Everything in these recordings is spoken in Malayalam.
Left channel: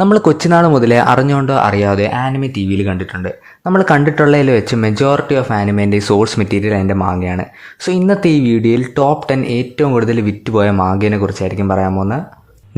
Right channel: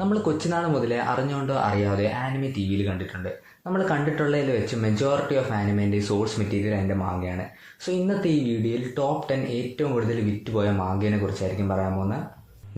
നമ്മൾ കൊച്ചുനാൾ മുതലേ അറിഞ്ഞുകൊണ്ടോ അറിയാതെ ആനിമെ ടി വിയിൽ കണ്ടിട്ടുണ്ട്. നമ്മൾ കണ്ടിട്ടുള്ളതിൽ വെച്ച് മെജോറിറ്റി ഓഫ് ആനിമേൻ്റെ സോഴ്സ് മെറ്റീരിയൽ അതിൻ്റെ മാങ്ങയാണ്. സോ ഇന്നത്തെ ഈ വീഡിയോയിൽ ടോപ്പ് 10 ഏറ്റവും കൂടുതൽ വിറ്റുപോയ മാങ്ങയെ കുറിച്ചായിരിക്കും പറയാൻ പോകുന്നത്.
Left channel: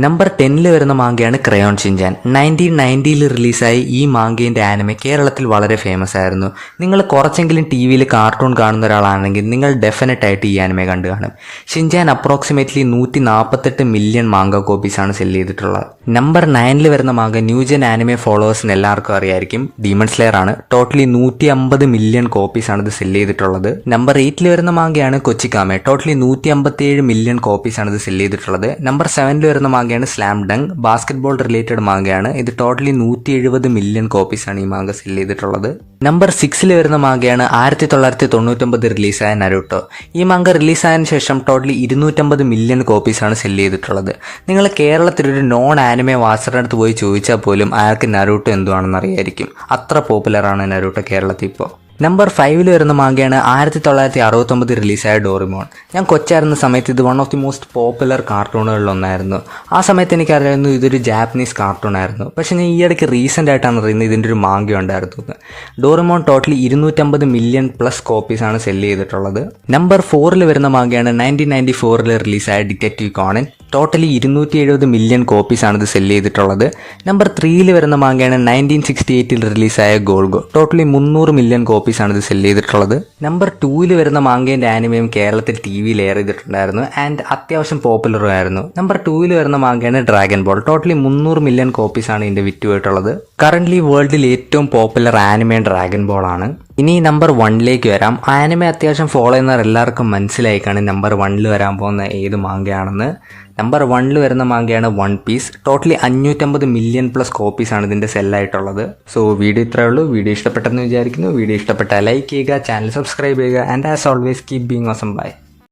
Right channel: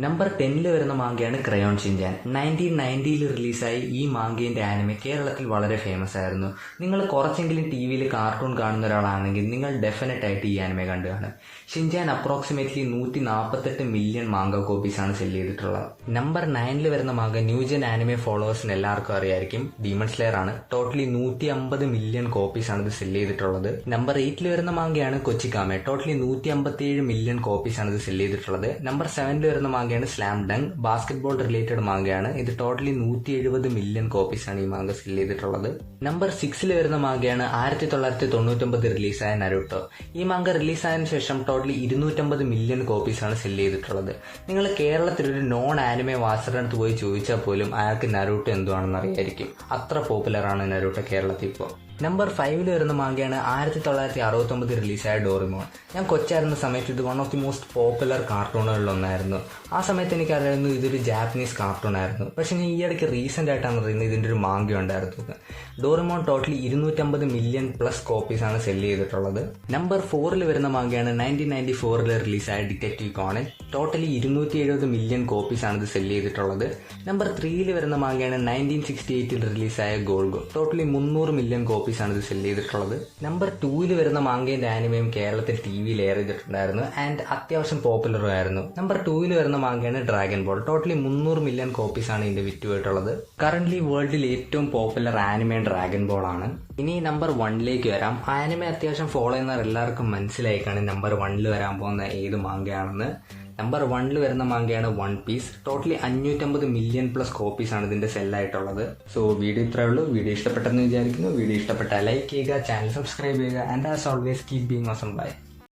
നമ്പർ 10 വരുന്ന മാങ്കയാണ് ക്രയോൺ ഷിൻചാൻ. 1990 റിലീസായി ഈ മാങ്കേൻ്റെ ആനിമെ കേരളത്തിൽ വളരെ ഫേമസ് ആയിരുന്നു. നിങ്ങൾ കുറച്ചെങ്കിലും ടി വിയിൽ കാർട്ടൂൺ കാണുന്ന ഒരാളാണെങ്കിൽ നിങ്ങൾ ഡെഫിനറ്റായിട്ട് ഈ ആനിമെ കണ്ടു കാണും. ഷിൻചാൻ അപ്രോക്സിമേറ്റ്ലി 148 മില്യൺ മാങ്ക കോപ്പീസാണ് സെല് ചെയ്തിട്ടുള്ളത്. നമ്പർ 9 വരുന്ന മാങ്ക ന്യൂജൻ ആനിമെ ഫോളോവേഴ്സിന് എല്ലാവർക്കും അറിയായിരിക്കും, ഡീമൺ സ്ലെയർ ആണ്. ടോട്ടലി 150 മില്യൺ കോപ്പീസാണ് ഇത് സെല് ചെയ്തിട്ടുള്ളത്. നമ്പർ 8 വരുന്ന മാങ്കയാണ് കൊച്ചിക്കാമെ. ടോട്ടലി 157 മില്യൺ കോപ്പീസാണ് ഇത് സെല് ചെയ്തിട്ടുള്ളത്. നമ്പർ 7 വരുന്ന മാങ്കയാണ് സ്ലാം ഡങ്ക്. ബാസ്കറ്റ്ബോൾ റിലേറ്റഡ് മാങ്കയാണ്. ഇത് ടോട്ടലി 170 മില്യൺ കോപ്പീസാണ് ഈ മാങ്ക സെല് ചെയ്തിട്ടുള്ളത്. നമ്പർ 6 വരുന്ന മാങ്കയാണ് 1999 റിലീസായ നരൂട്ടോ. ഈ മാങ്ക റിലീസായതിനു ശേഷം ടോട്ടലി 250 മില്യൺ കോപ്പീസാണ് സെല് ചെയ്തിട്ടുള്ളത്. നിങ്ങൾ കേരളത്തിലൊരു നോൺ ആനിമെ വാച്ചറിൻ്റെ അടുത്ത് പോയി ചോദിച്ചാൽ പോലും അയാൾക്ക് നരൂട്ടോ എന്തുവാണെന്ന് അറിയായിരിക്കും. അത്ര പോപ്പുലറാണ് നരൂട്ടോ കേരളത്തിൽ ഇപ്പോൾ. നമ്പർ 5 വരുന്ന മാങ്കയാണ് 1969 റിലീസായ ഡോറിമോൺ. ഞാൻ കൊച്ചായിരുന്ന സമയത്ത് ഇത് one of the most popular കാർട്ടൂണുകളിലൊന്നായിരുന്നു. ആ സമയത്ത് എനിക്കറിയായിരുന്നു ഇതൊരു ജാപ്പനീസ് കാർട്ടൂൺ ആയിരുന്നു. പക്ഷേ ഞാൻ ഈ ഇടയ്ക്ക് റീസെൻ്റ് ആയിട്ടാണ് അറിയുന്നത് ഇതിൻ്റെ ഒരു മാങ്ക ഉണ്ടായിരുന്നു. ഡോറിമോൺ ടോട്ടലി 250 മില്യൺ പ്ലസ് കോപ്പീസാണ് സെല് ചെയ്തിട്ടുള്ളത്. നമ്പർ 4 വരുന്ന മാങ്കയാണ് 1994 റിലീസായ ഡിറ്റക്റ്റീവ് കോണൻ. ടോട്ടലി 270 മില്യൺ കോപ്പീസാണ് ഇത് സെല് ചെയ്തിട്ടുള്ളത്. നമ്പർ 3 വരുന്ന മാങ്കയാണ് 1968 റിലീസായ ഗോൾഗോ. ടോട്ടലി 300 മില്യൺ കോപ്പീസാണ് ഇത് സെല് ചെയ്തിട്ടുള്ളത്. നമ്പർ 2 വരുന്ന മാങ്കേൻ്റെ ആനിമയും കേരളത്തിൽ ടി വിയിൽ എയർ ചെയ്തിട്ടുണ്ടായിരുന്നു ആൻഡ് അത്യാവശ്യം പോപ്പുലറും ആയിരുന്നു. നമ്പർ 2 വരുന്ന മാങ്കയാണ് ഡ്രാഗൺ ബോൾ. ടോട്ടലി 300 മില്യൺ കോപ്പീസാണ് ഇതിൻ്റെ വിറ്റുപോയിട്ടുള്ളത്. കറൻ്റ്ലി വേൾഡിൽ ഏറ്റവും പോപ്പുലർ ആനിമേ ഡ്രാഗൺ ബോൾ ആണ്. ഇനി നമ്പർ 1 വരാം. ആനിമെ അത്യാവശ്യം ഫോളോ ചെയ്യുന്നവർ എല്ലാവർക്കും മനസ്സിലായിക്കാണ് നമ്പർ 1 വരാൻ പോകുന്ന ഏത് മാങ്കയാണെന്ന്. നമ്പർ 1 വരുന്ന മാങ്കയാണ് One Piece. Totally 550 million plus കോപ്പീസാണ് ഇതിൻ്റെ സെല്ലായിട്ടുള്ളത്. സോ വീഡിയോ ഇത്രയേ ഉള്ളൂ. വീഡിയോ ഇഷ്ടപ്പെട്ടെന്ന് വിചാരിക്കുന്നു. വീഡിയോ ഇഷ്ടപ്പെട്ടാൽ ലൈക്ക് ചെയ്യുക, ചാനൽ സബ്സ്ക്രൈബ് ചെയ്യുക and as always keep being awesome. By.